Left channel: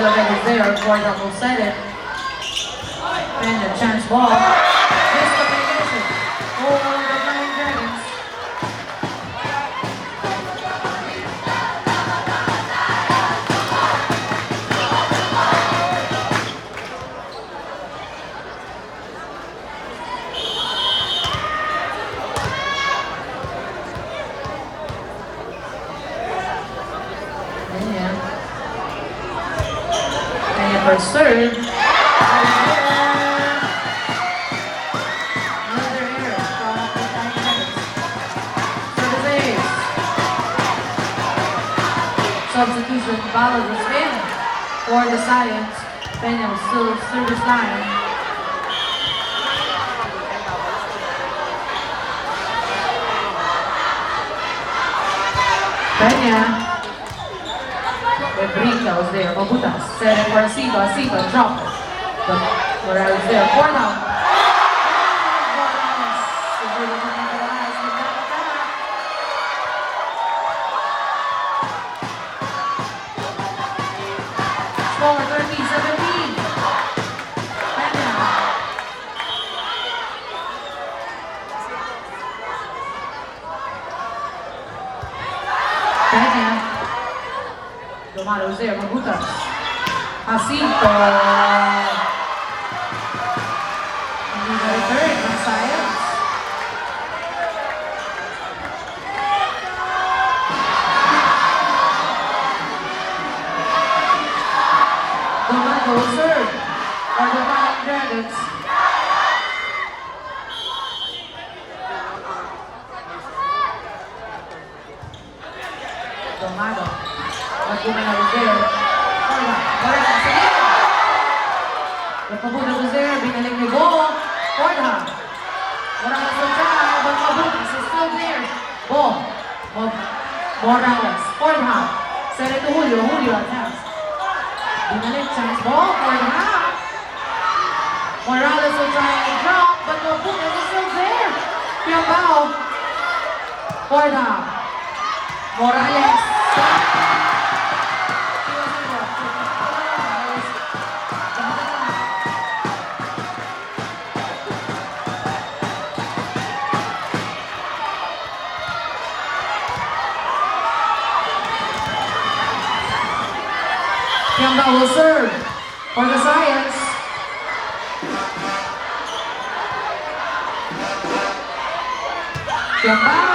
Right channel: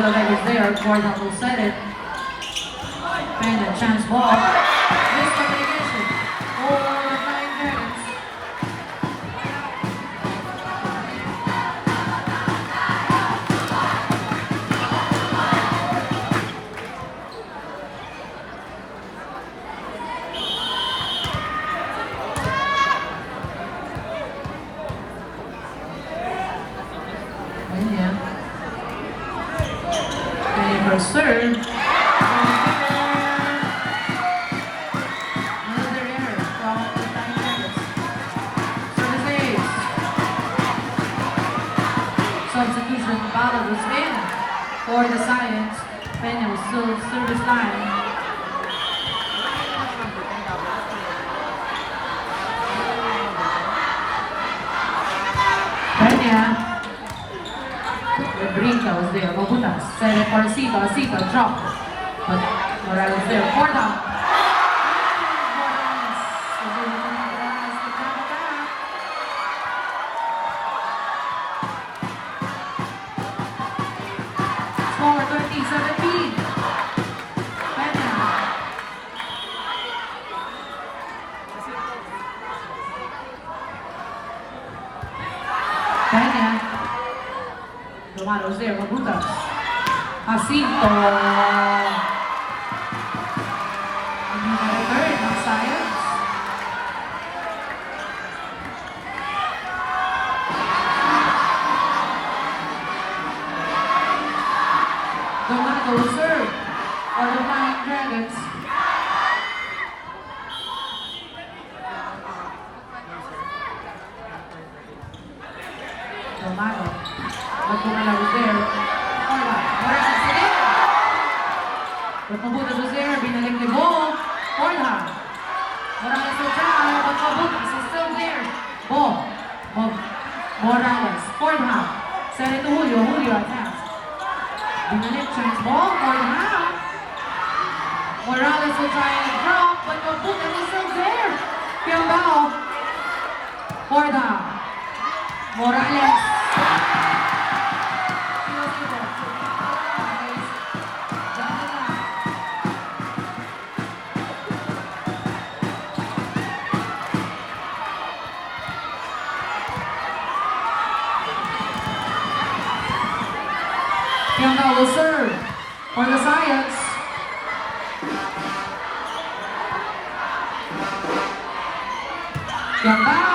Zolovet is there for double set it. Pena, chance ball. Missed communication. Over the Flying Dragons. Pena for serve. Ball was in for the Science. Pena was still service line. Pena. Bebrita was there. Mobutas set it for Sipa. Sipa dropped. But Morales there for now. Pena. Tomaron there, Mobutas. Jacinto. Hindi na return ng Science. Dominic will serve for the Flying Dragons. Domano. Domano was there. Morales again. Mabutas was there. Binaling ni Bo. Borja. Morales will try, but Mabutas is still there. Bo. Morales. Borja. Send it to Julio. Julio attacks. Binaling chance ball. Borja. Morales will try to drop, but Mabutas is still there. Kiambao. Borja. Morales. Kiambao will serve for the Science. Kiambao.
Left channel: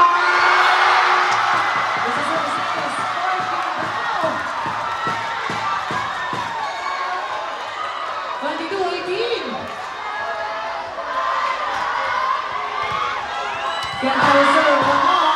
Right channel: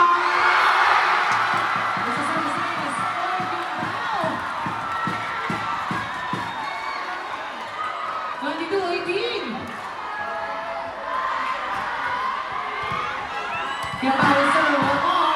22-18. Kiambao will serve one more.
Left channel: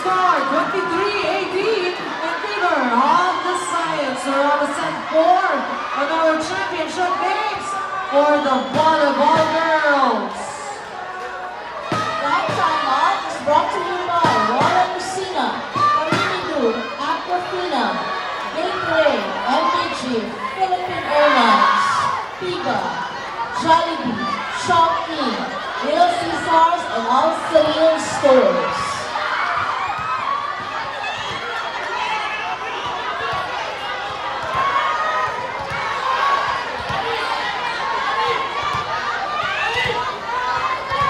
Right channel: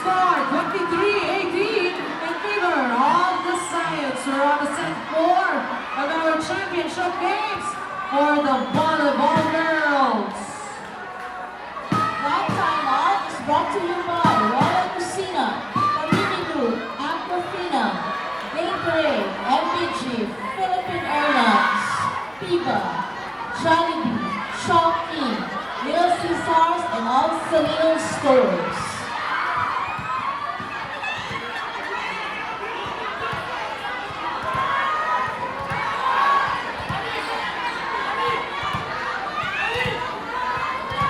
Score 23-18 in favor of the Science. We're on the set 4 of our championship games for the volleyball girls. That timeout is brought to you by Royal Messina, Marinidu, Aquafina, Gateway, MDG, Philippine Airlines, Pika, Jollibee, Shopee, Little Caesars, and all Salino stores.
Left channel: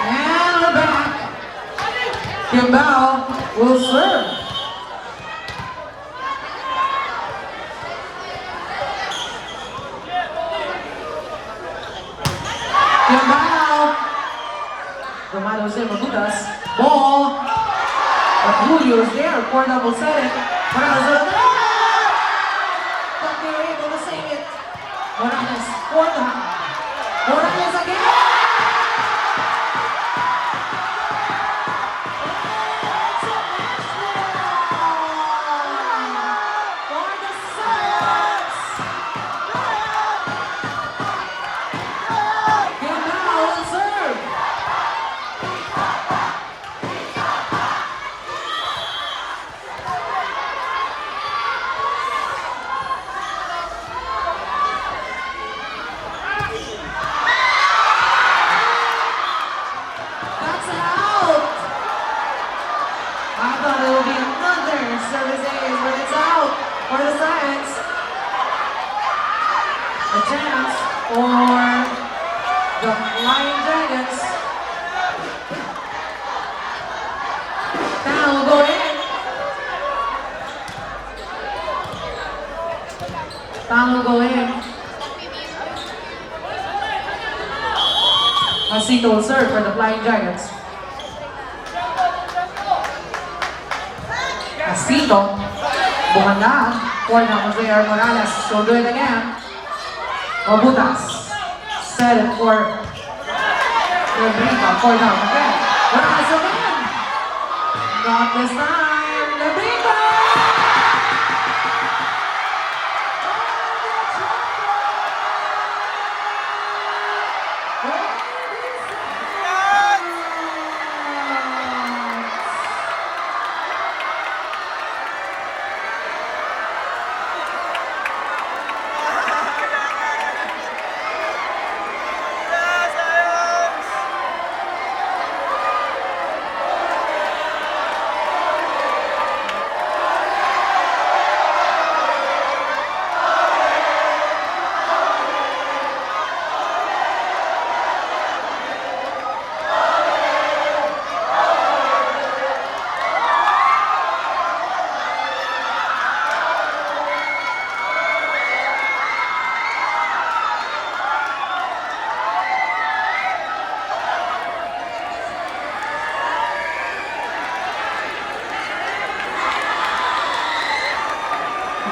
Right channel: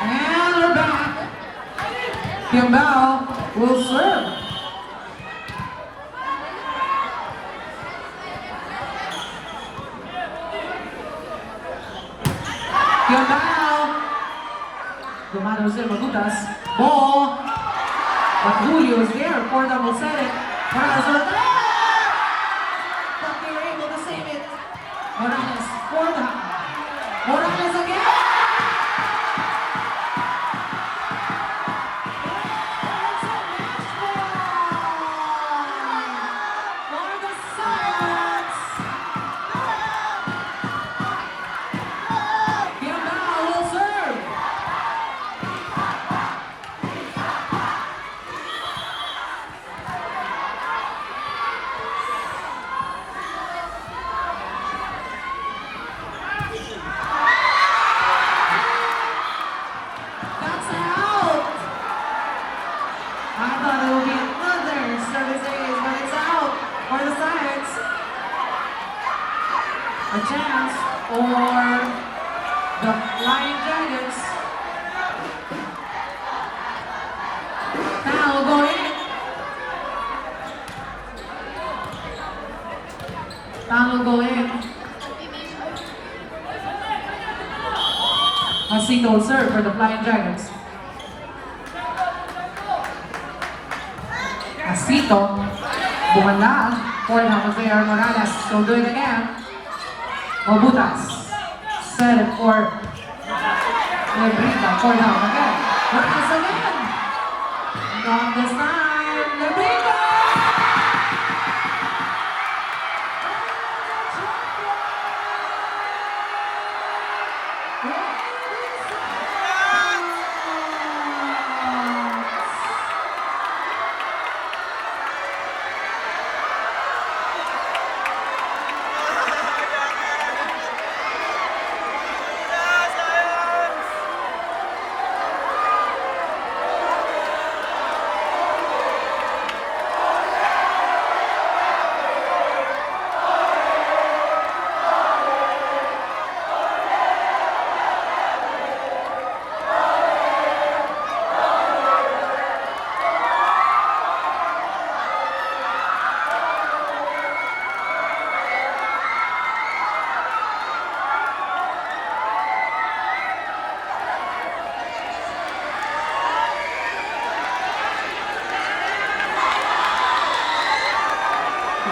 And we're back. Kiambao will serve. Kiambao. Domano's there, Mabutas. Ball. Julio's there. Corner will set it. Morales. But they're able to save it. Morales. Corner. Morales again. For the Science. go in. A single serve for the Flying Dragons. Casito. Bola for the Javier Morales. So do it again. Mabutas. Set it for Lebrita. For the again. Morales again. Not this time. Lebrita.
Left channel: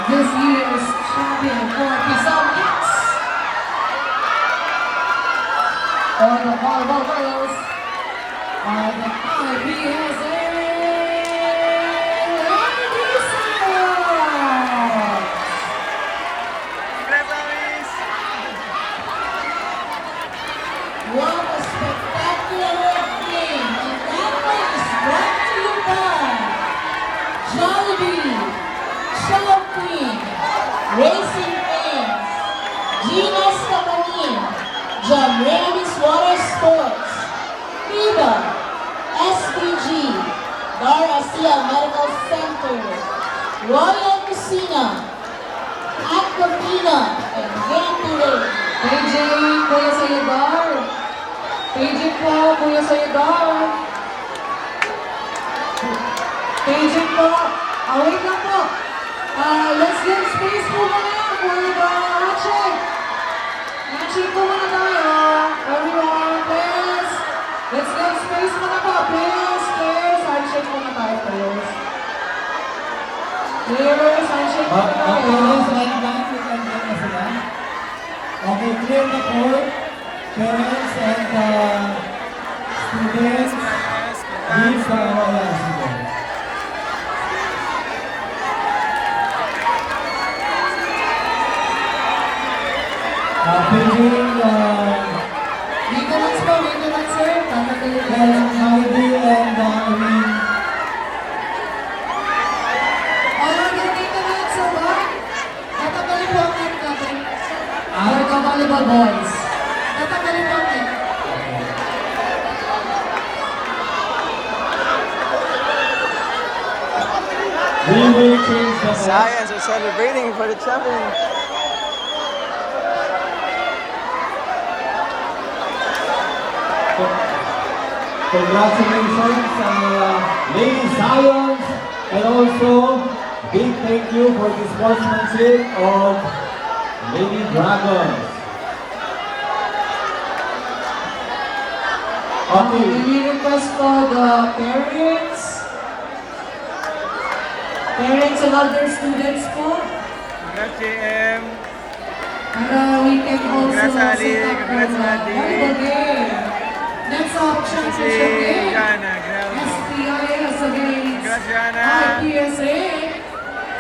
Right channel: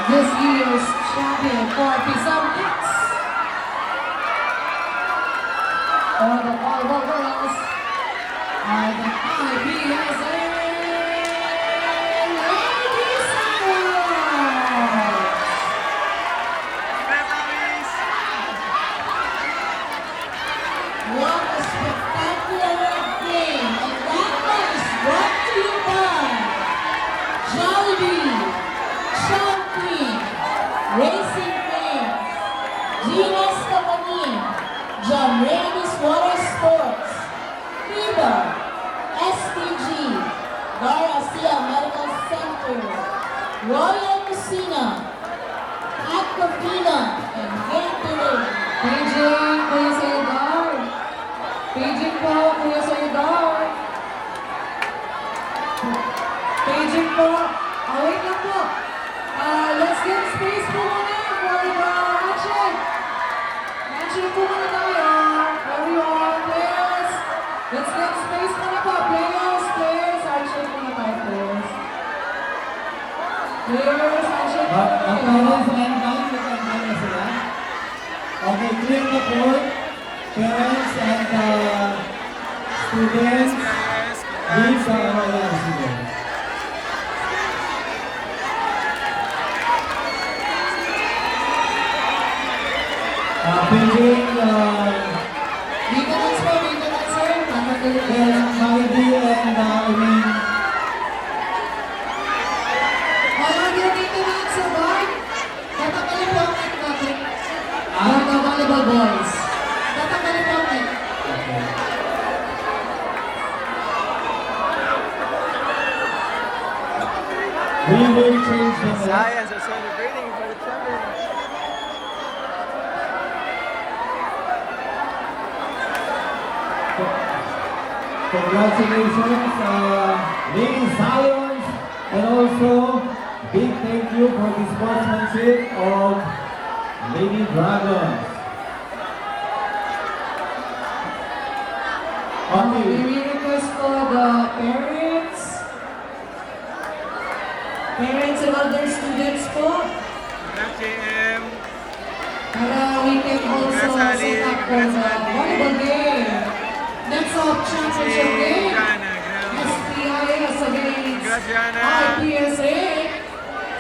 This year's champion for Pisang Kicks. For the volleyball girls are the IPSA Ladies Heroes. What a spectacular game! And that is brought to you by Jollibee, Chow Queen, Racing Fans, Gina's Marine, Jamravis Water Sports, Viva, SPG, Garcia Medical Center, Royal Messina, Aquafina, and Gatorade. PJ, Kuya Sayadar. PJ po, Kuya Sayadar. PJ po. Wait lang po. Let's give space po muna for the handshake. Handshake po muna tayo. Everyone, please. Let's give space muna po. Players, players. Handshake muna tayo, players. Players, handshake muna tayo. Okay, clear the court. Parents and students, leave sa Royal Students. Beijing, Maintenance po, maintenance sir. Heidi and Amy. Alright, yung maintenance sir, boy. Tatagalin po ang net natin. For the volleyball boys. Tatagalin po ang net. We will change the Science are celebrating for the champion. Congratulations, Lady Zions, and also big thank you for the sportsmanship of Lady Dragons. Okay, Okay, we request for the parents and other students po. JM. Para we can also Congrats, Ali. set up for the Congrats, Ali. volleyball game. Next up, championship game. Jana, grabe. SPIS against Congrats, Jana. IPSA.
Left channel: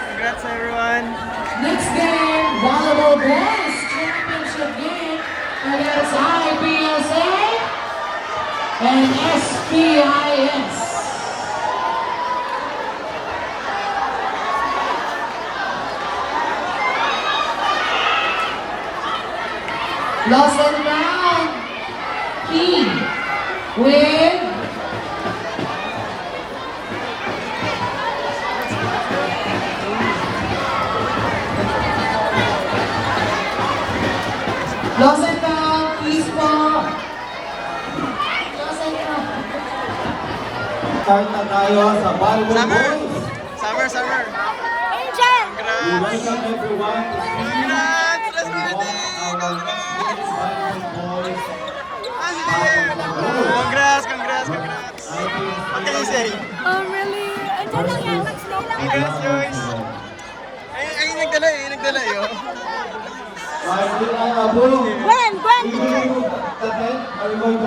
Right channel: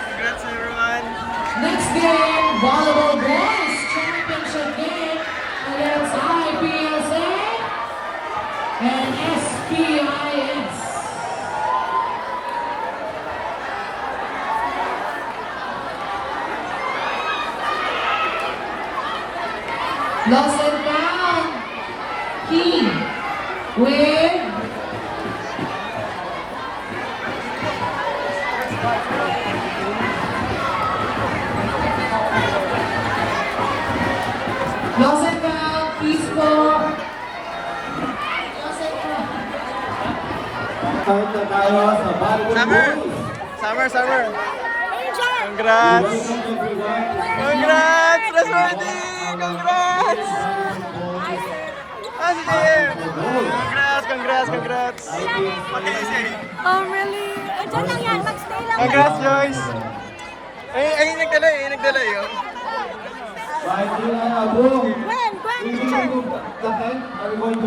Congrats everyone. Next game, volleyball boys championship game against IPSA and SPIS. Lost and round. P with lost and round. Peaceful. Lost and round. start na tayo sa volleyball Summer. boys. Summer. We Congrats. welcome everyone. Congrats. birthday! Congrats! Ah, si JM! Congrats! What can you say? Really? Ito lang yan, mag-stay lang. Congrats, guys! Ay, nagdala eh, oh. Gwen, Gwen, Gwen,